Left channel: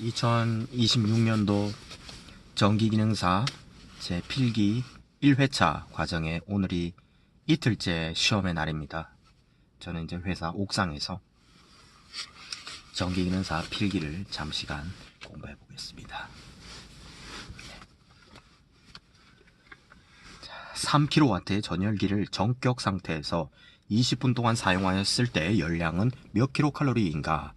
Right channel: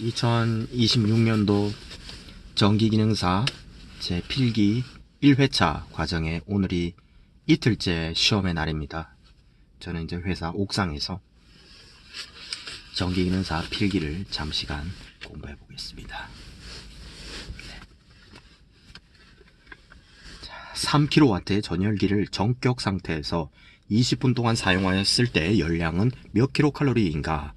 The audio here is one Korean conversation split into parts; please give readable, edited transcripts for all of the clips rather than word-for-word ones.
2026년도 전기기능사 제 필기 1회차 과정에 오늘이 이틀째 시험의 날입니다. 저는 이제 회사 옥상에서 전기기능사 필기를 잠시간 공부해 보겠습니다. 3kW의 전열기를 정격 상태에서 20분 동안 사용하였을 때 열량은 몇 킬로칼로리인가?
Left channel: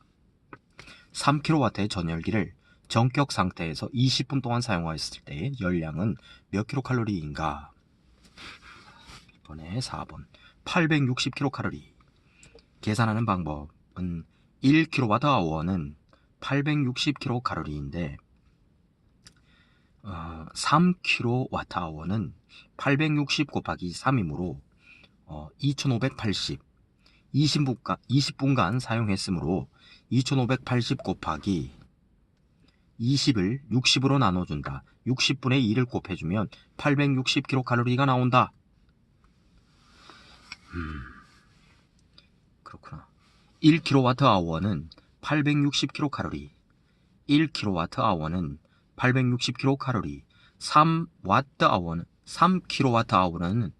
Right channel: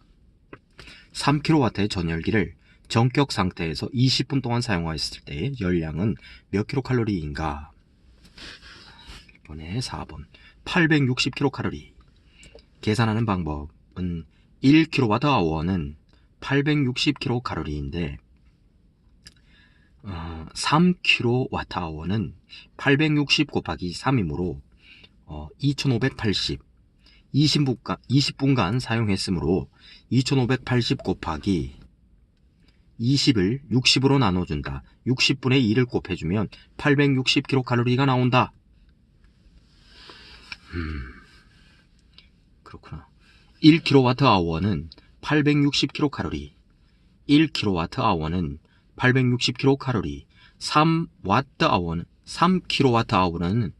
3kW의 전열기를 정격 상태에서 20분 동안 사용하였을 때 열량은 몇 킬로칼로리인가? 1번에 4번 860킬로칼로리. 계산하는 방법은 1kWh는 860킬로칼로리인데 3kWh는 860 곱하기 3이므로 2580 20분간 사용했으므로 2580 곱하기 20을 60으로 나눠준다. 60분의 2를 곱해주면 860kcal가 나온다. 그렇구나. 1kWh는 860kcal, 1kWh는 860kcal, 3kWh는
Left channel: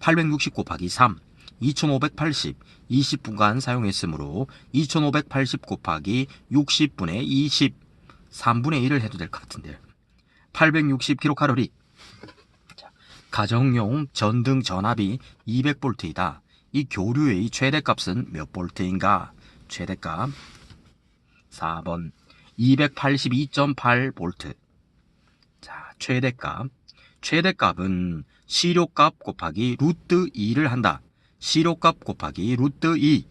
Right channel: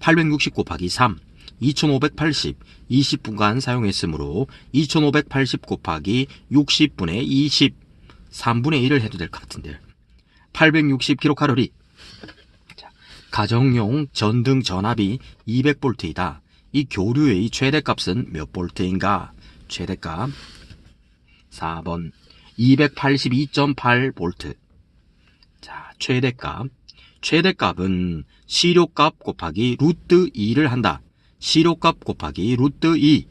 860 곱하기 3, 2580, 20분간 사용했으므로 2580 곱하기 60분의 20, 3분의 1을 해도 될 것 같은데 860kcal. 자, 가정용 전등 전압이 200V이다. 이 교류의 최대값은 몇 볼트인가? 최대값 4번 282.8V. 자, 최대값은 시료값 곱하기 루트 2를 한다. 시료값 곱하기 루트 2,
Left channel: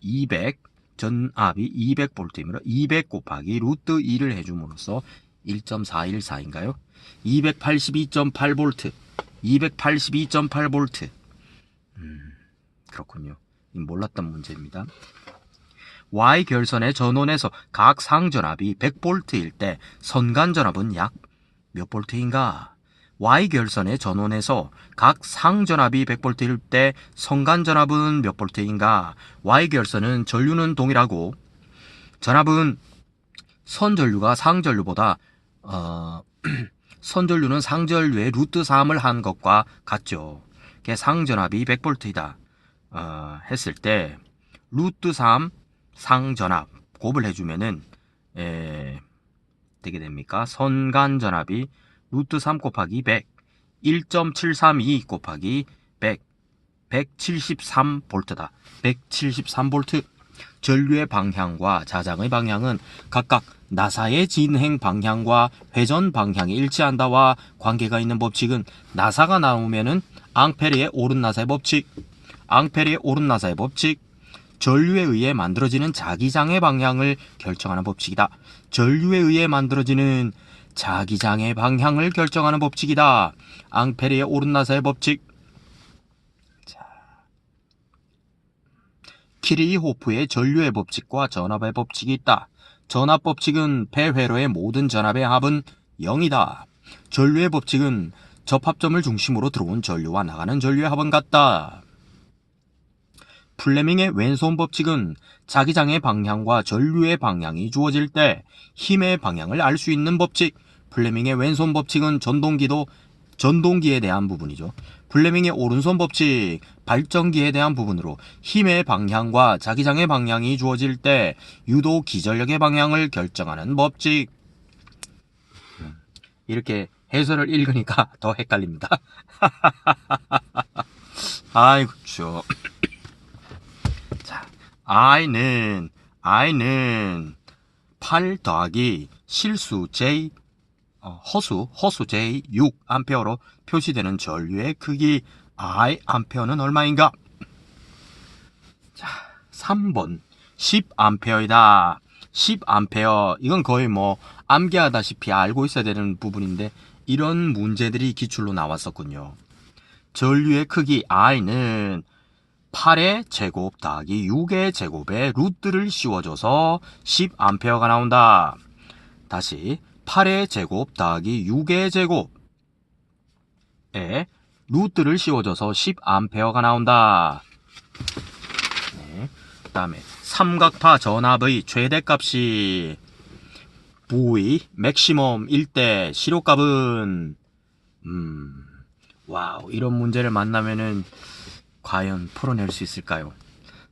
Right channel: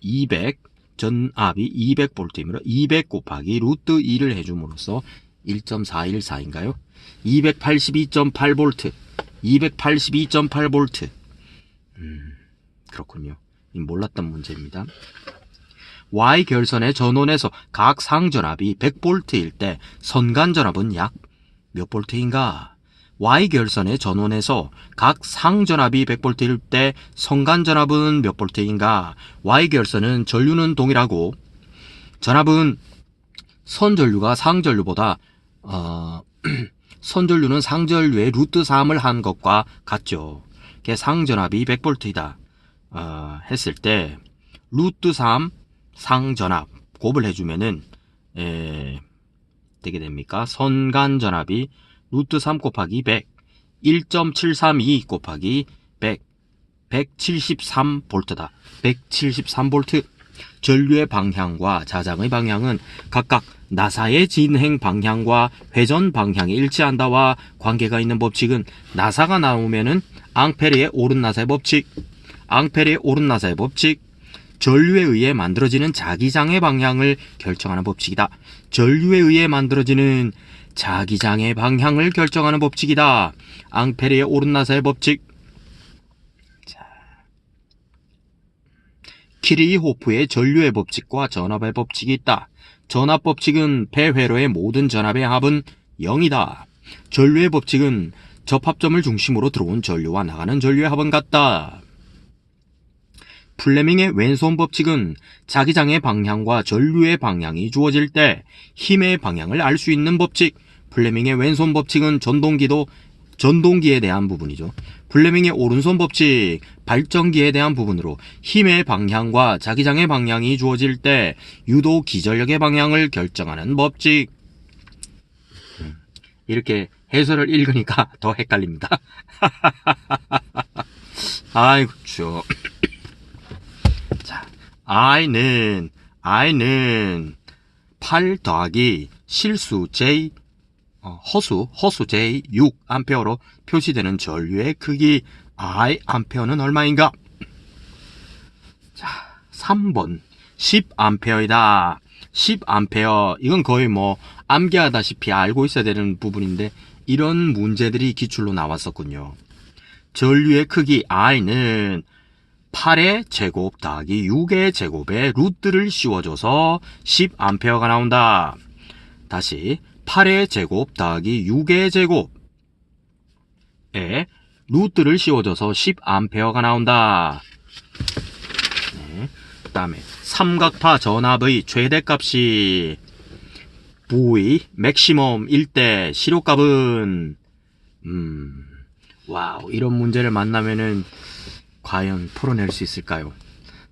200, 전압이 200V이므로 200 곱하기 루트 2를 해줌으로써 1.414인가요? 282.8V, 282.8V. 그렇군요. 몰랐던 문제입니다. Y결선의 전원에서 각 상전압이 100V일 때 선간전압은 약 몇 볼트인가? Y결선의 전원에서 각 상전압이 100V일 때 선간전압은 몇 볼트인가? Y결선은 전류는 동일하고 전압은 선전류가 상전류보다 선전류는 상전류의 루트 3을 한 것과 같죠. 상전압이 100V이다 했을 때 루트 3 상전압 곱을 해주면은 되게 됩니까? 선간전압이 루트 3 곱하기 100, 1.732 곱하기 100, 173V다. 173V. 전류의 방향과 자장의 방향은 각각 나사의 진행 방향과 회전 방향이 일치한다와 관계가 있는 법칙은 나사가 나오면은 앙페르의 오른 나사의 법칙, 앙페르의 오른 나사의 법칙, 전류에 의해 만들어지는 자기장의 방향을 결정하는 법칙이다. 전류에 의해 만들어지는 자기장의 방향을 결정하는 법칙이다. 앙페르의 오른 나사의 법칙. 자, 키르히호프의 전류의 법칙과 전압의 법칙이 있다. 전압 법칙은 폐회로의 모든 전압의 합은 0이다. 전류의 법칙은 접합점을 중심으로 들어온 전류와 나가는 전류의 합은 같다. 플레밍의 왼손 법칙은 자기장의 방향과 전류의 방향이 주어질 때 힘의 방향을 알 수 있는 법칙. 플레밍의 왼손 법칙은 전동기에 대한 부분이죠. 플레밍의 오른손 법칙, 발전기에 대한 부분으로 힘의 방향과 자기장의 방향이 주어질 때 유도 기전력의 방향을 결정하는 법칙. 이렇게 해설을 읽으니까 더 헷갈립니다. 아이고 죠. 자, I는 8 더하기 실수 J, 허수 J 6A로 표시되는 전류의 크기 I 암페어는 얼마인가? 자, 3번 10A이다. 10A. 이건 거의 암기하다시피 알고 있어야 되는 부분인데 이런 문제들이 기출로 나왔었군요. 전류의 크기 I는 8의 제곱 더하기 6의 제곱에 루트를 씌워줘서 10A가 나온다. 다시 8의 제곱 더하기 6의 제곱에 루트를 씌워줘서 10A가 나온다. 네. 그 다음에 삼각파 전압의 최대값이 V 맥시멈일 때 시료값은 와우, 이런 문제를 만나면은 과연 풀어낼 수 있을까요?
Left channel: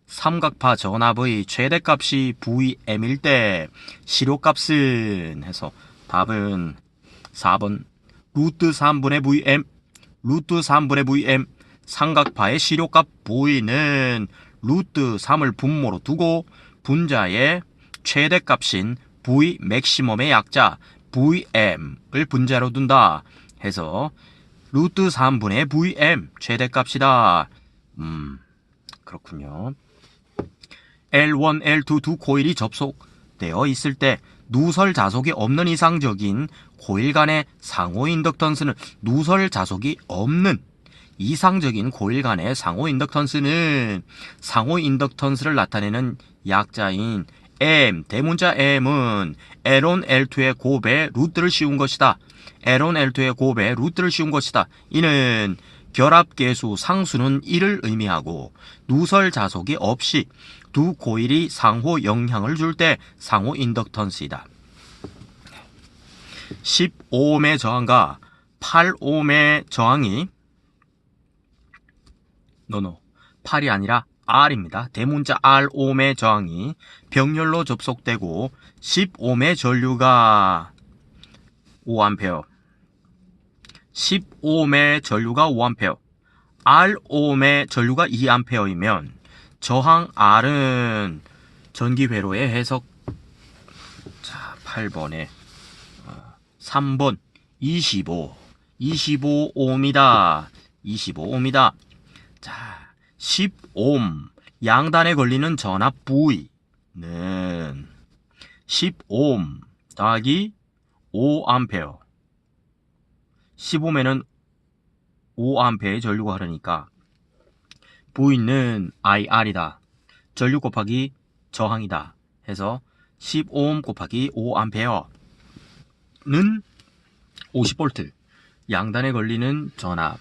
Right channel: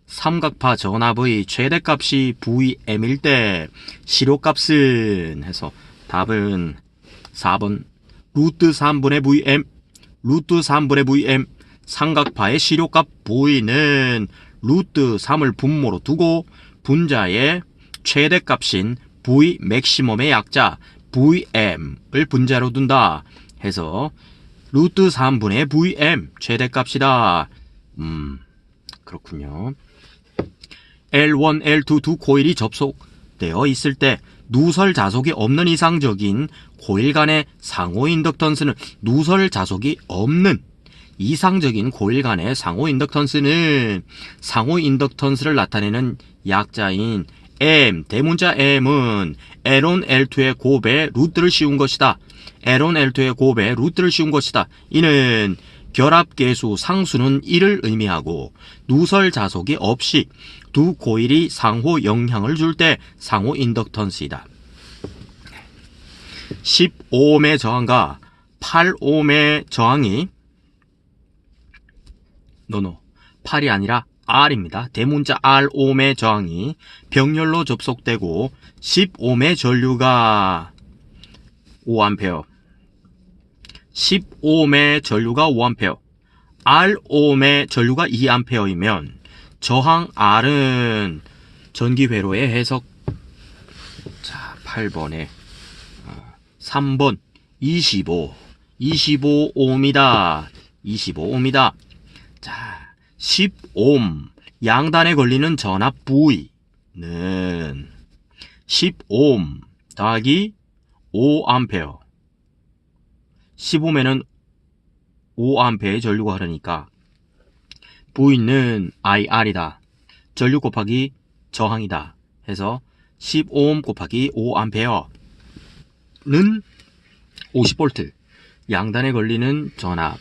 삼각파 전압의 최대값이 VM일 때 시료값은 해서 답은 4번 루트 3분의 VM, 루트 3분의 VM. 삼각파의 시료값 V는 루트 3을 분모로 두고 분자의 최대값인 V 맥시멈의 약자 VM을 분자로 둔다 해서 루트 3분의 VM 최대값이다. 그렇군요. L1, L2 두 코일이 접속되어 있을 때 누설 자속이 없는 이상적인 코일 간의 상호 인덕턴스는 누설 자속이 없는 이상적인 코일 간의 상호 인덕턴스는 상호 인덕턴스를 나타내는 약자인 M, 대문자 M은 L1, L2의 곱의 루트를 씌운 것이다. L1, L2의 곱의 루트를 씌운 것이다. 이는 결합계수 상수는 1을 의미하고 누설 자속이 없이 두 코일이 상호 영향을 줄 때 상호 인덕턴스이다. 10ohm의 저항과 8ohm의 저항이 8이 아니라 R입니다. 대문자 Rohm의 저항이 병렬로 접속되고 10ohm의 전류가 5A, 10ohm의 전류가 5A, Rohm의 전류가 2A이면 저항 R은 전기 회로의 해석. 자, 8번에 3번 25ohm이다. 25ohm이다. 자, 10ohm 양단에 걸리는 전압 V는 10ohm 더하기 5A. 10ohm에는 5A의 전류가 흐르니까 V는 IR이다. 전류 곱하기 저항이다. 해서 10ohm 곱하기 5A는 50V. 양단에 걸리는 전압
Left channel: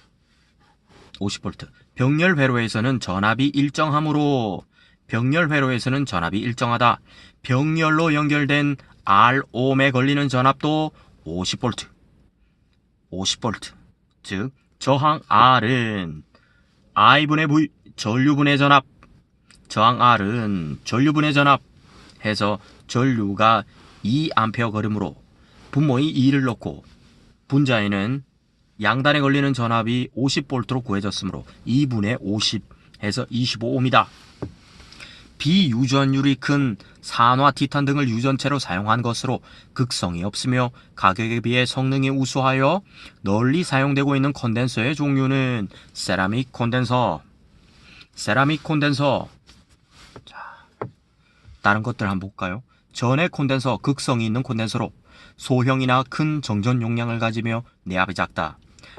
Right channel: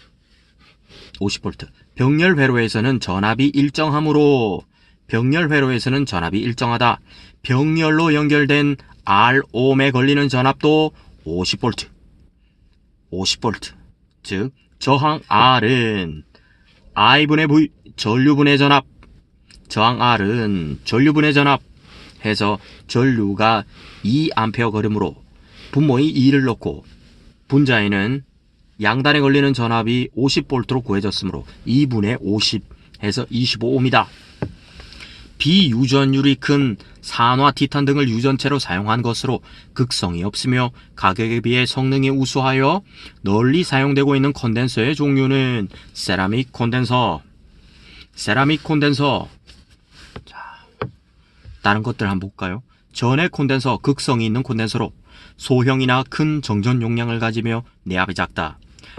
50V. 병렬 회로에서는 전압이 일정하므로 병렬 회로에서는 전압이 일정하다. 병렬로 연결된 Rohm에 걸리는 전압도 50V. 50V. 즉 저항 R은 I분의 V 전류분의 전압. 저항 R은 전류분의 전압 해서 전류가 2A 걸음으로 분모의 2를 넣고 분자에는 양단에 걸리는 전압이 50V로 구해졌으므로 2분의 50 해서 25ohm이다. 비유전율이 큰 산화, 티탄 등을 유전체로 사용한 것으로 극성이 없으며 가격에 비해 성능이 우수하여 널리 사용되고 있는 콘덴서의 종류는 세라믹 콘덴서. 세라믹 콘덴서. 자, 다른 것들 한번 볼까요? 전해 콘덴서, 극성이 있는 콘덴서로 소형이나 큰 정전 용량을 가지며 내압이 작다.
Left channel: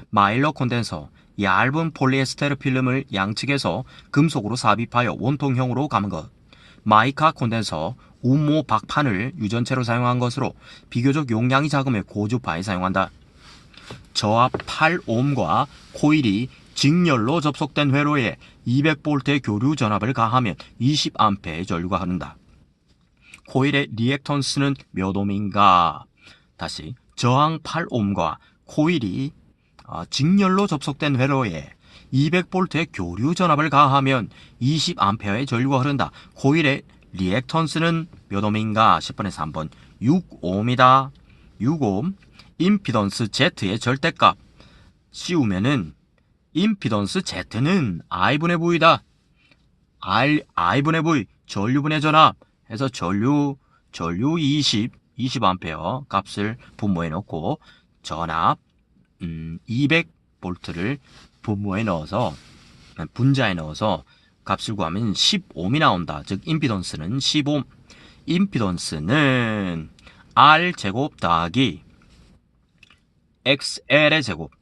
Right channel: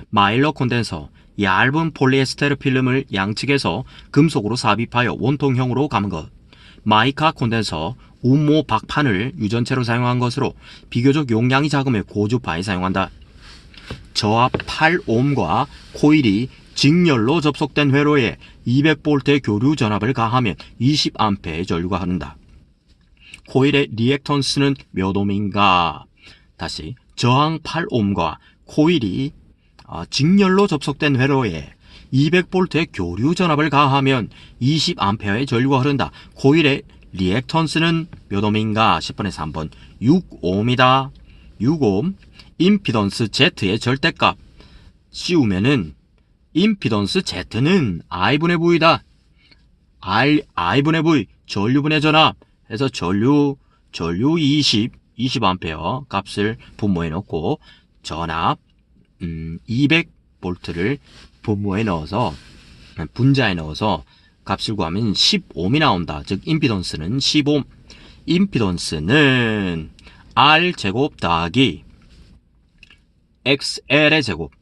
마일러 콘덴서, 얇은 폴리에스테르 필름을 양측에서 금속으로 삽입하여 원통형으로 감은 것. 마이카 콘덴서, 운모 박판을 유전체로 사용한 것으로 비교적 용량이 작으며 고주파에 사용한다. 저압 8ohm과 코일이 직렬로 접속된 회로에 200V의 교류 전압을 가하면 20A의 전류가 흐른다. 코일의 리액턴스는 몇 ohm인가? 다시 저항 8ohm과 코일이 직렬로 접속된 회로에 200V의 교류 전압을 가하면 20A의 전류가 흐른다. 코일의 리액턴스는 몇 ohm인가? 10번에서 3번 6ohm이다. 6ohm. 임피던스 Z의 절대값 씌우면은 임피던스 Z는 I분의 V다. I분의 V 전류분의 전압 해서 전류 20A 값을 분모에 넣고 전압 200V를 분모에 넣어서 분자에 넣어서 값을 구하면 10ohm이 나온다. 즉 임피던스는 10ohm. 임피던스는 R제곱 더하기 XL의 제곱,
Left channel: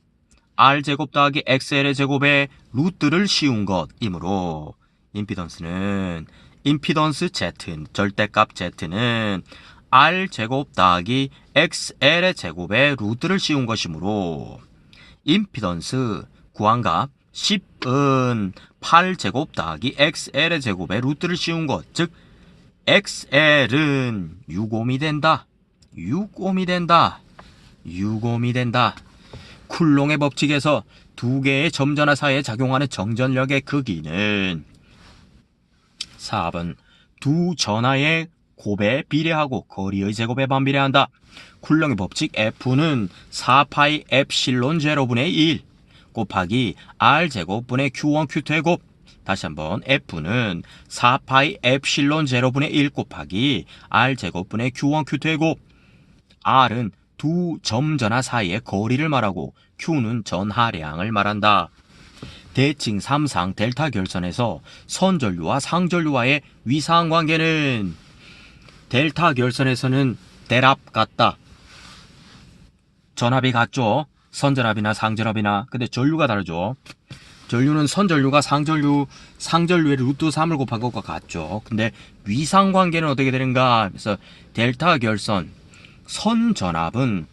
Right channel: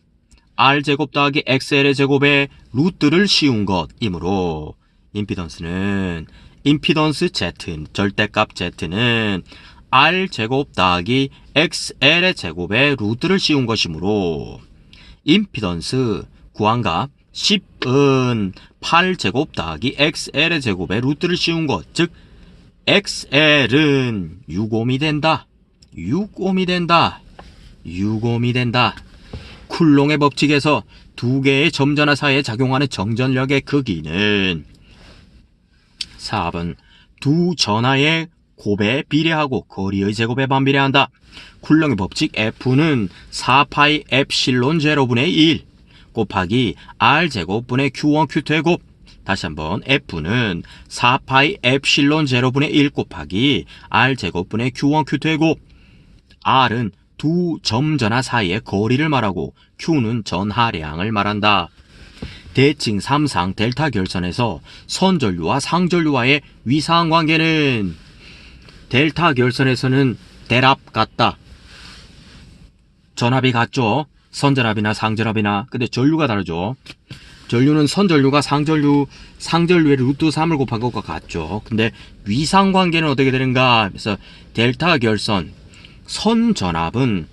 R제곱 더하기 XL의 제곱에 루트를 씌운 것이므로 임피던스는 임피던스 Z, 절대값 Z는 R제곱 더하기 XL의 제곱에 루트를 씌운 것이므로 임피던스 구한값 10은 8제곱 더하기 XL의 제곱에 루트를 씌운 것, 즉 XL은 6옴이 된다. 6옴이 된다. 6옴이 된다. 쿨롱의 법칙에서 두 개의 점전화 사이에 작용하는 정전력의 크기는 4번 두 전하의 곱에 비례하고 거리의 제곱에 반비례한다. 쿨롱의 법칙 F는 4파이 엡실론 제로분의 1 곱하기 R제곱분의 Q1 Q2의 곱. 다시 한번 F는 4파이 엡실론 제로분의 1 곱하기 R제곱분의 Q1 Q2의 곱. R은 두 점전하 사이의 거리를 말하고 Q는 전하량을 말한다. 대칭 3상 델타 결선에서 선전류와 상전류와의 위상 관계는 델타 결선에서는 대랍 같다. 전압이 같죠. 선전압이나 상전압이나. 근데 전류가 다르죠. 전류는 선전류가 상전류의 루트 3을 곱한 것과 같죠. 근데 위상 관계는 어떻게 되는가? 그래서 델타 결선 선전압은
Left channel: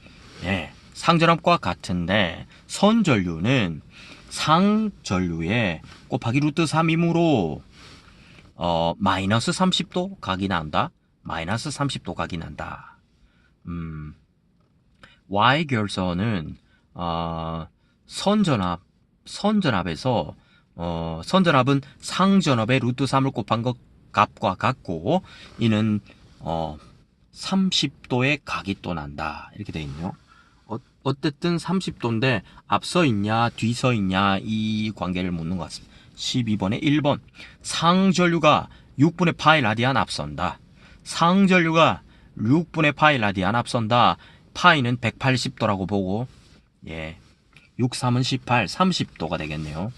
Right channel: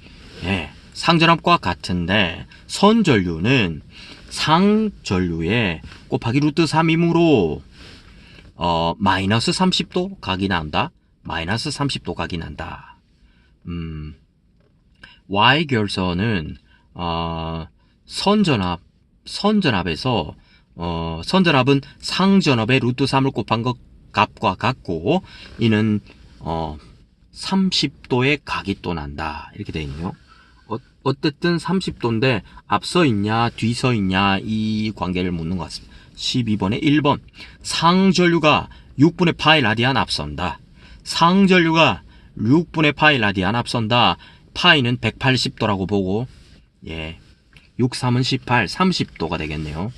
상전압과 같은데 선전류는 상전류에 곱하기 루트 3이므로 마이너스 30도 각이 난다. 마이너스 30도 각이 난다. Y결선은 선전압에서 선전압은 상전압의 루트 3을 곱한 것 값과 같고 이는 30도의 각이 또 난다. 이렇게 되어 있네요. 어쨌든 30도인데 앞서 있냐 뒤서 있냐 이 관계를 묻는 것 같습니다. 12번에 1번 상전류가 6분의 파이 라디안 앞선다. 상전류가 6분의 파이 라디안 앞선다. 파이는 180도라고 보고 6, 3은 18, 30도가 되겠네요.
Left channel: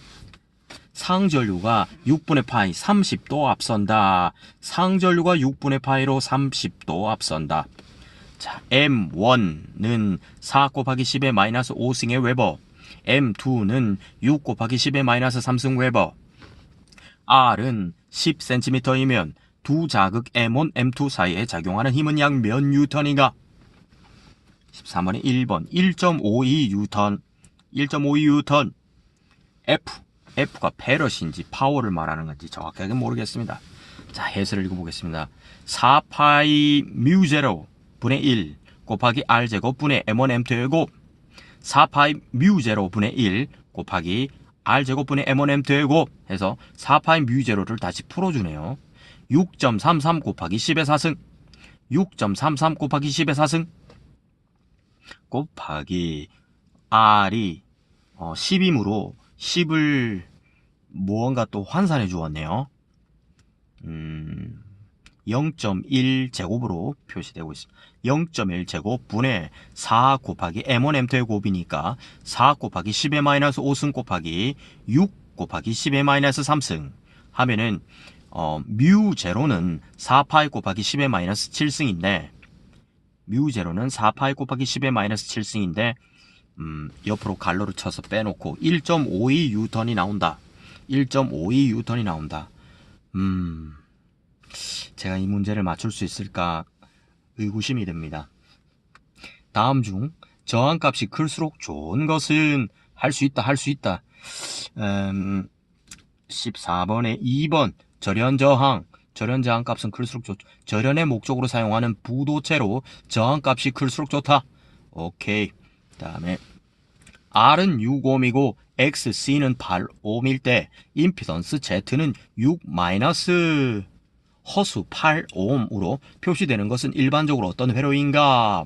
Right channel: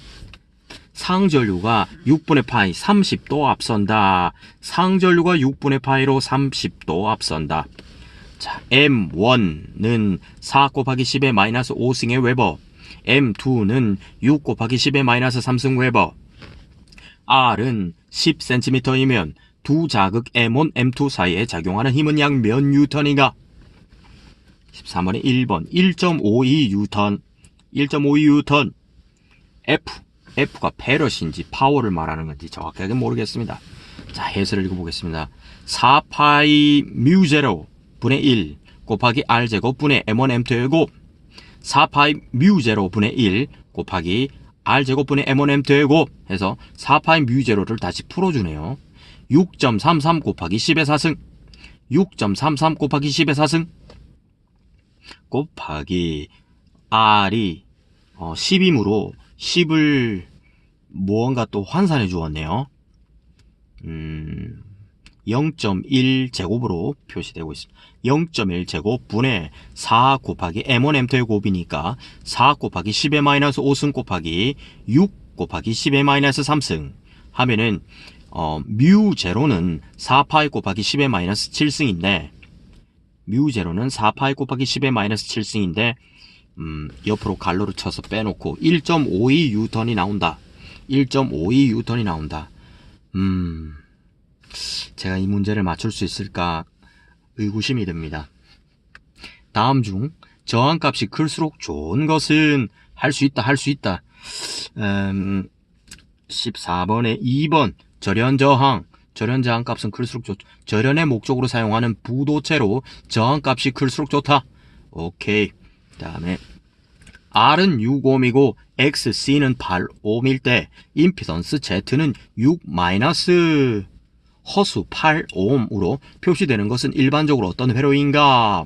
상전류가 6분의 파이 30도 앞선다. 상전류가 6분의 파이로 30도 앞선다. 자, M1는 4 곱하기 10의 마이너스 5승의 웨버, M2는 6 곱하기 10의 마이너스 3승 웨버, R은 10cm이면 두 자극 M1, M2 사이에 작용하는 힘은 약 몇 뉴턴인가? 13번에 1번 1.52 뉴턴 1.52 뉴턴. F가 페럿인지 파워를 말하는 건지 정확하게 모르겠습니다. 자, 해설을 읽어보겠습니다. 4파이 뮤0 분의 1 곱하기 R제곱 분의 M1 M2의 곱. 4파이 뮤0 분의 1 곱하기 R제곱 분의 M1 M2의 곱 해서 4파이 뮤0를 다시 풀어주네요. 6.33 곱하기 10의 4승 6.33 곱하기 10의 4승 곱하기 R이 10이므로 10을 무언가 또 환산해 주었네요. 0.1 제곱으로 표시되고 있습니다. 0.1 제곱 분의 4 곱하기 M1 M2의 곱이니까 4 곱하기 10의 마이너스 5승 곱하기 6 곱하기 10의 마이너스 3승 하면은 뮤0는 4파이 곱하기 10의 마이너스 7승인데 뮤0는 4파이 곱하기 10의 마이너스 7승인데 옆으로 갈로를 쳐서 빼놓고 1.52 뉴턴이 나온다. 1.52 뉴턴이 나온다. 제가 이 문제를 맞출 수 있을까 의구심이 듭니다. 다음 중 저항값이 클수록 좋은 것은 할 수 있다. 14번에 2번 절연저항. 절연저항값은 클수록 좋다. 절연의 목적으로 사용하는 부도체로 저항값이 클수록 좋다. 오케이. 다음에 R은 6옴이고 XC는 8옴일 때 임피던스 Z는 6 마이너스 허수 8옴으로 표시되는 것은 일반적으로 어떤 회로인가?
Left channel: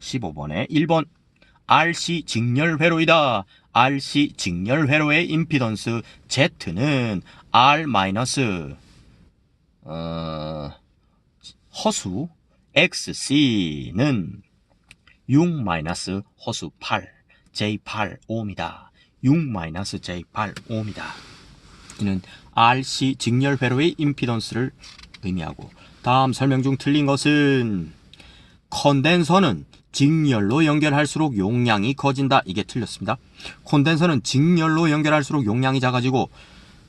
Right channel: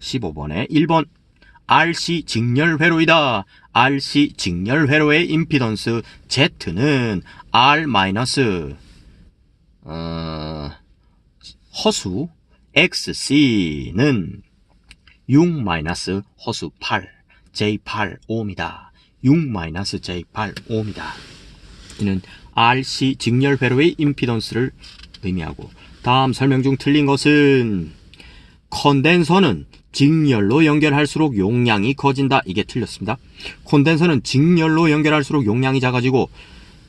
15번에 1번 RC 직렬 회로이다. RC 직렬 회로의 임피던스 Z는 R 마이너스 허수 XC는 6 마이너스 허수 8 J8옴이다. 6 마이너스 J8옴이다. 이는 RC 직렬 회로의 임피던스를 의미하고 다음 설명 중 틀린 것은 컨덴서는 직렬로 연결할수록 용량이 커진다. 이게 틀렸습니다. 콘덴서는 직렬로 연결할수록 용량이 작아지고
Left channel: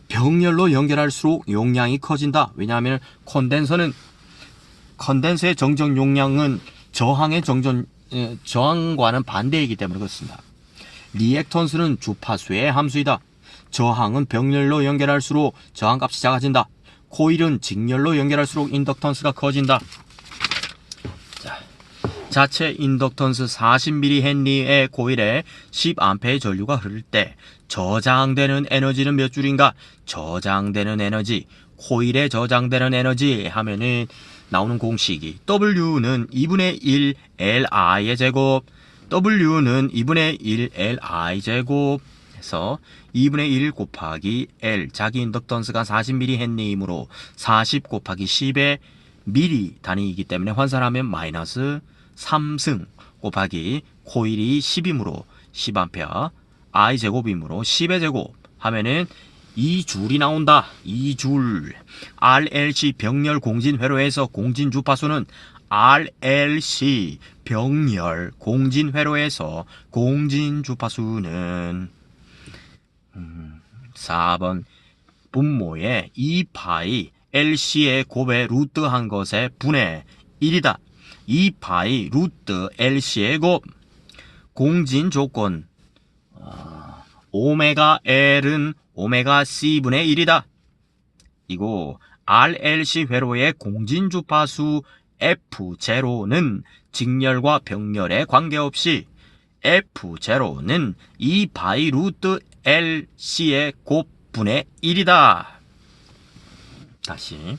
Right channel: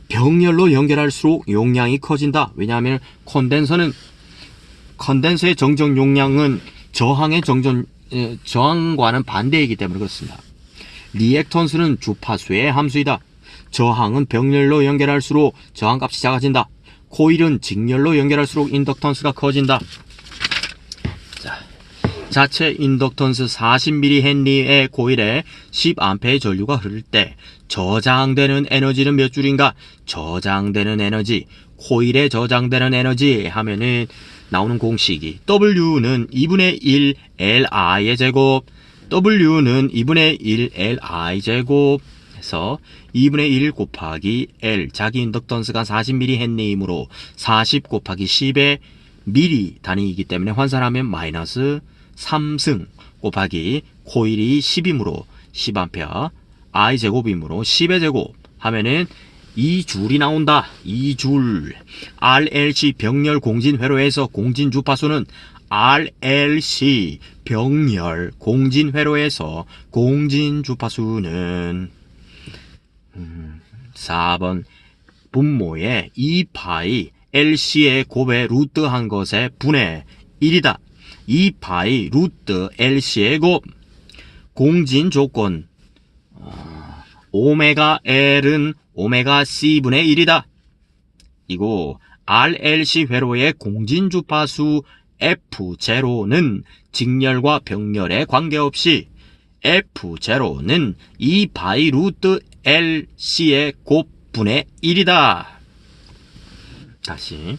병렬로 연결할수록 용량이 커진다. 왜냐하면 컨덴서의 정정 용량은 저항과는 반대이기 때문에 그렇습니다. 리액턴스는 주파수의 함수이다. 저항은 병렬로 연결할수록 저항값이 작아진다. 코일은 직렬로 연결할수록 인덕턴스가 커진다. 자체 인덕턴스 40mH 코일에 10A의 전류가 흐를 때 저장되는 에너지는 몇 줄인가? 저장되는 에너지, 코일에 저장되는 에너지 하면은 나오는 공식이 W는 2분의 1 Li의 제곱, W는 2분의 1 Li 제곱 해서 2분의 1 곱하기 L, 자기 인덕턴스가 40mH이므로 40 곱하기 10의 미리 단위이기 때문에 환산하면 마이너스 3승 곱하기 코일이 10이므로 10A, I 제곱이므로 10의 제곱 하면은 2줄이 나온다. 2줄. RLC 병렬 공진 회로에서 공진 주파수는 RLC 병렬 공진 회로에서 공진 주파수는 4번 분모에 2파이 LC의 곱에 루트 한 것의 분의 1이다. 2파이 루트 LC의 곱. 공진 조건 오메가 L은 오메가 C분의 1이다. 이거 RLC 회로의 공진 주파수 F0는 직렬과 병렬에 관계없이 F0는 2파이 루트 LC의 곱분의 1이다. 다시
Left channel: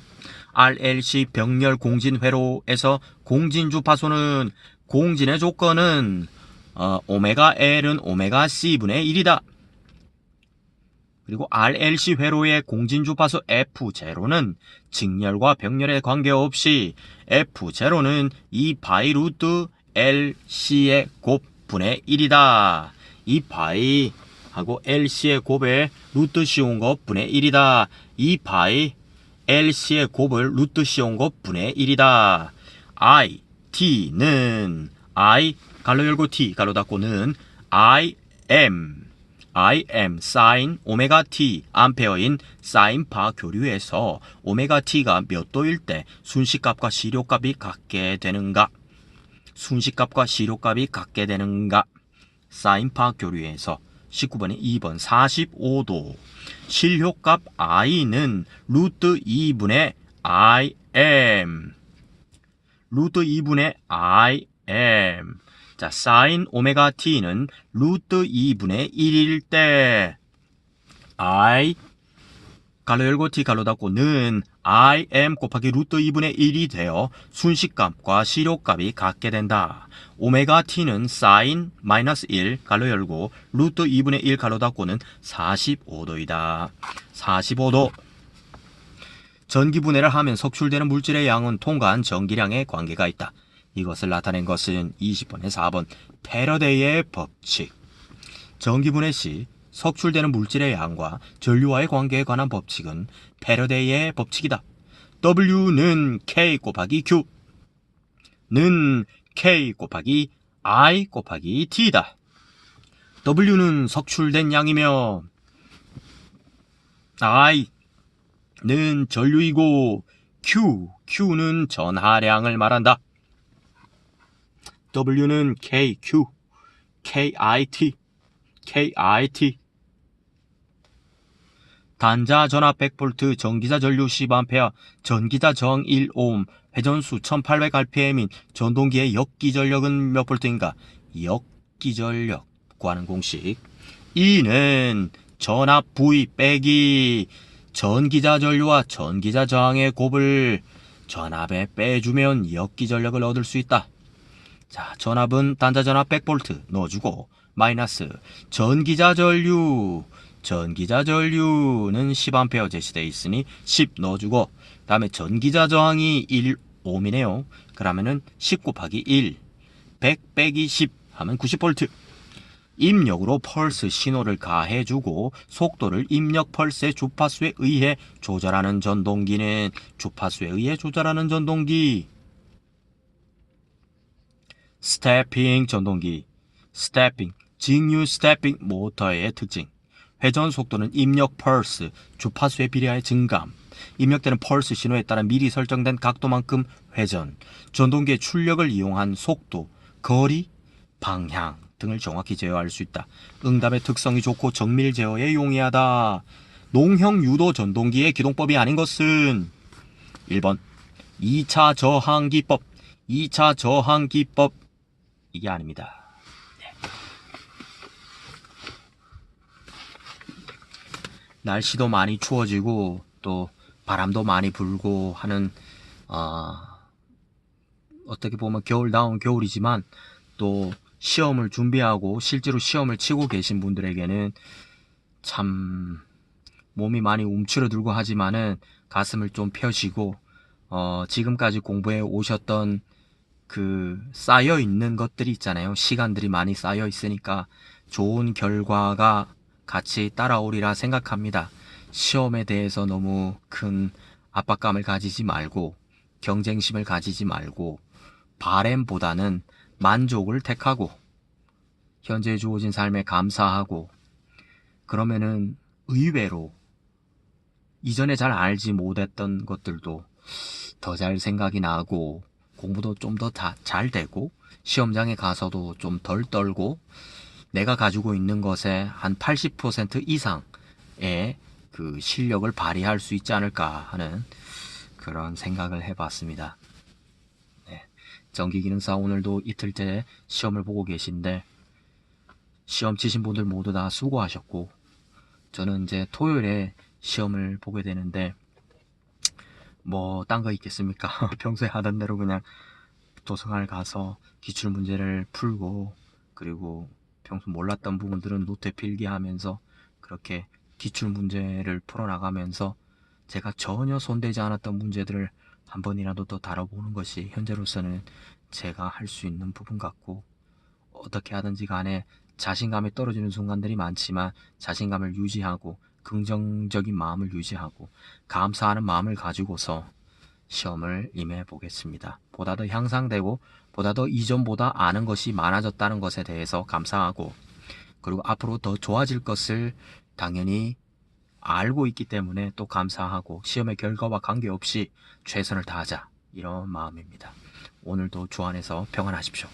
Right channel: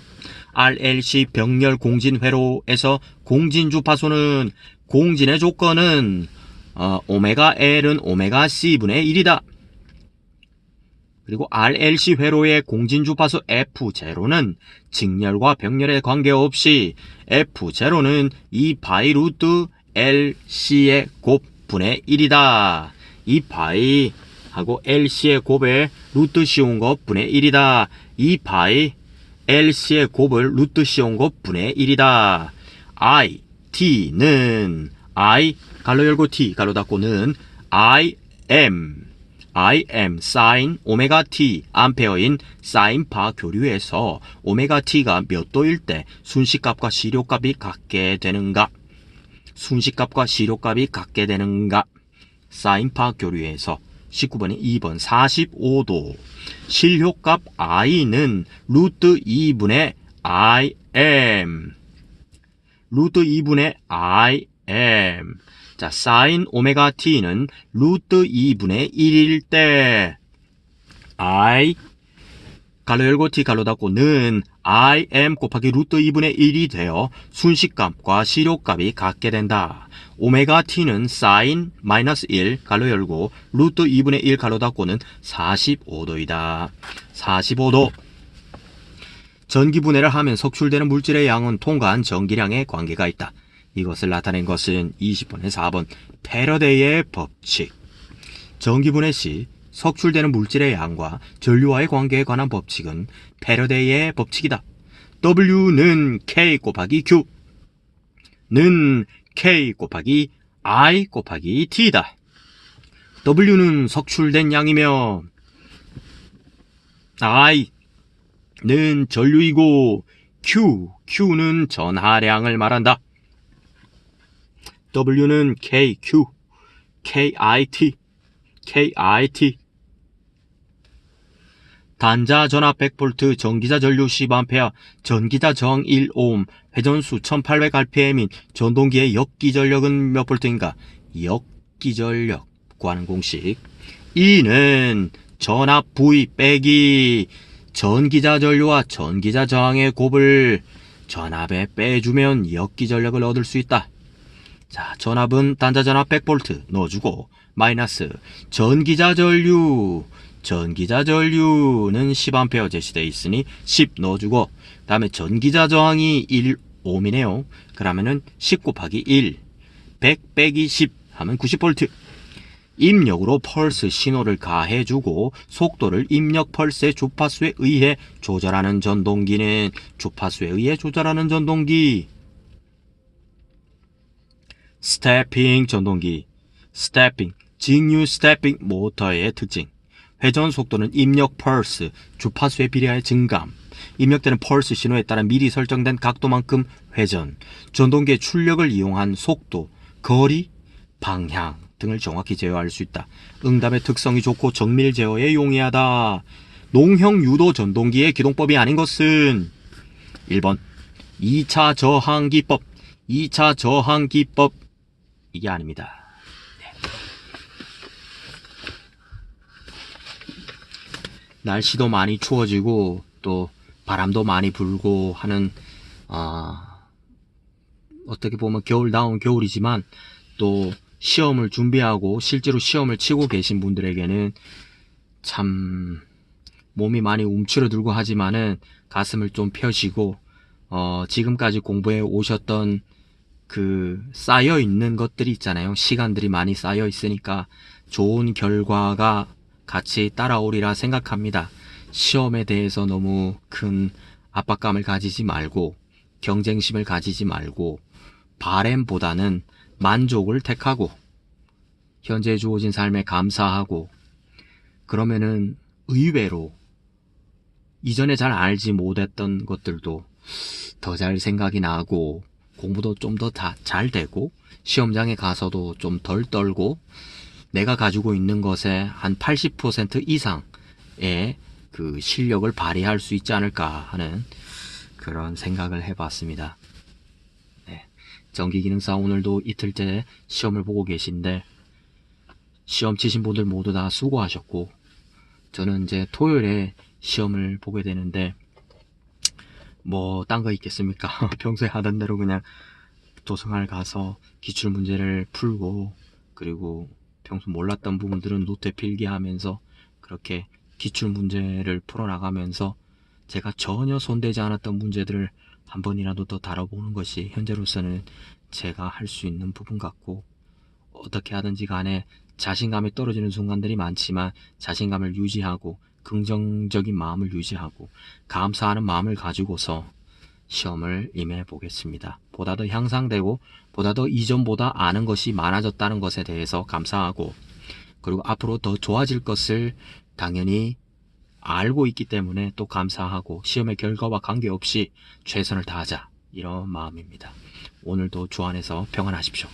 RLC 병렬 공진 회로에서 공진 주파수는 공진의 조건은 오메가 L은 오메가 C분의 1이다. 그리고 RLC 회로의 공진 주파수 F0는 직렬과 병렬에 관계없이 F0는 2파이 루트 LC의 곱분의 1이다. 2파이 하고 LC의 곱에 루트 씌운 것 분의 1이다. 2파이 LC의 곱을 루트 씌운 것 분의 1이다. I, T는 I 가로 열고 T 가로 닫고는 I am sin 오메가 T 암페어인 사인파 교류에서 오메가 T가 몇 도일 때 순식값과 시료값이 같게 되는가? 순식값과 시료값이 같게 되는가? 사인파 교류에서 19번이 2번 45도. 실효값 I는 루트 2분의 IM. 루트 2분의 IM. 자, 사인 오메가 T는 루트 2분의 1일 때 I 가로 열고 T 가로 닫고는 IM 곱하기 루트 2분의 1이 되어 순식값과 시료값이 같게 된다. 오메가 T는 사인 마이너스 1 가로 열고 루트 2분의 1 가로 닫고는 45도이다. 45도. 전기분해를 하면 석출되는 물질의 양은 통과한 전기량에 관계가 있다. 이것을 나타낸 것은 20번에 4번 패러데이의 법칙. 전기분해 시 석출되는 물질의 양과 전류와의 관계에 관한 법칙은 패러데이의 법칙이다. W는 K 곱하기 Q는 K 곱하기 I 곱하기 T다. W는 석출된 양이며 I는 전류이고 Q는 전하량을 말한다. W는 KQ, KIT. 단자 전압 100V, 전기자 전류 10A, 전기자 저항 1오hm, 회전수 1800rpm인 전동기의 역기전력은 몇 볼트인가? 역기전력 구하는 공식. E는 전압 V 빼기 전기자 전류와 전기자 저항의 곱을 전압에 빼주면 역기전력을 얻을 수 있다. 자, 전압은 단자 전압 100V 넣어주고 마이너스 전기자 전류는 10A 제시되어 있으니 10 넣어주고 다음에 전기자 저항이 1ohm이네요. 그러면은 10 곱하기 1 100 빼기 10 하면 90V. 입력으로 펄스 신호를 가해주고 속도를 입력 펄스의 주파수에 의해 조절하는 전동기는 주파수에 의해 조절하는 전동기. 스태핑 전동기. 스태핑, 직류 스태핑 모터의 특징. 회전 속도는 입력 펄스, 주파수에 비례하여 증감. 입력되는 펄스 신호에 따라 미리 설정된 각도만큼 회전. 전동기의 출력을 이용한 속도, 거리, 방향 등을 정확히 제어할 수 있다. 응답의 특성이 좋고 정밀 제어에 용이하다. 농형 유도 전동기의 기동법이 아닌 것은 1번 2차 저항기법, 2차 저항기법 이게 아닙니다. 날씨도 많이 추워지고 또 바람도 많이 불고 하는 어떻게 보면 겨울다운 겨울이지만 또 시험을 준비하고 실제로 시험을 치고 계신 분들에게는 참 몸이 많이 움츠러들고 하지만은 가슴을 좀 펴시고 지금까지 공부해 오셨던 그 쌓여 있는 것들이 있잖아요. 시간들이 많이 쌓여 있으니까 좋은 결과가 같이 따라오리라 생각합니다. 시험에 대해서 너무 큰 압박감을 가지지 말고 경쟁심을 가지지 말고 바램보다는 만족을 택하고 현재 주어진 삶에 감사하고 그러면은 의외로 이전에 잘 알지 못했던 것들도 더 잘 생각이 나고 공부도 좀 더 잘 되고 시험장에 가서도 좀 덜 떨고 내가 가지고 있는 것의 한 80% 이상의 그 실력을 발휘할 수 있지 않을까 하는 그런 생각을 해봤습니다. 네. 전기기능사 오늘도 이틀째 시험을 보고 계신데 시험 치신 분들 모두 다 수고하셨고 저는 이제 토요일에 시험을 보게 되는데 뭐 딴 거 있겠습니까? 평소에 하던 대로 그냥 도서관을 가서 기출문제를 풀고 그리고 평소 몰랐던 부분들은 노트에 필기하면서 그렇게 기출문제를 풀어나가면서 제가 전혀 손대지 않았던 문제들을 한 번이라도 더 다뤄보는 것이 현재로서는 제가 할 수 있는 부분 같고 어떻게 하든지 간에 자신감이 떨어지는 순간들이 많지만 자신감을 유지하고 긍정적인 마음을 유지하고 감사하는 마음을 가지고서 시험을 임해 보겠습니다. 보다 더 향상되고 보다 더 이전보다 아는 것이 많아졌다는 것에 대해서 감사하고 그리고 앞으로 더 좋아질 것을 당연히 알고 있기 때문에 또 감사하고 시험의 결과와 관계없이 최선을 다하자 이런 마음입니다. 오늘도 주 안에서 평안하십시오.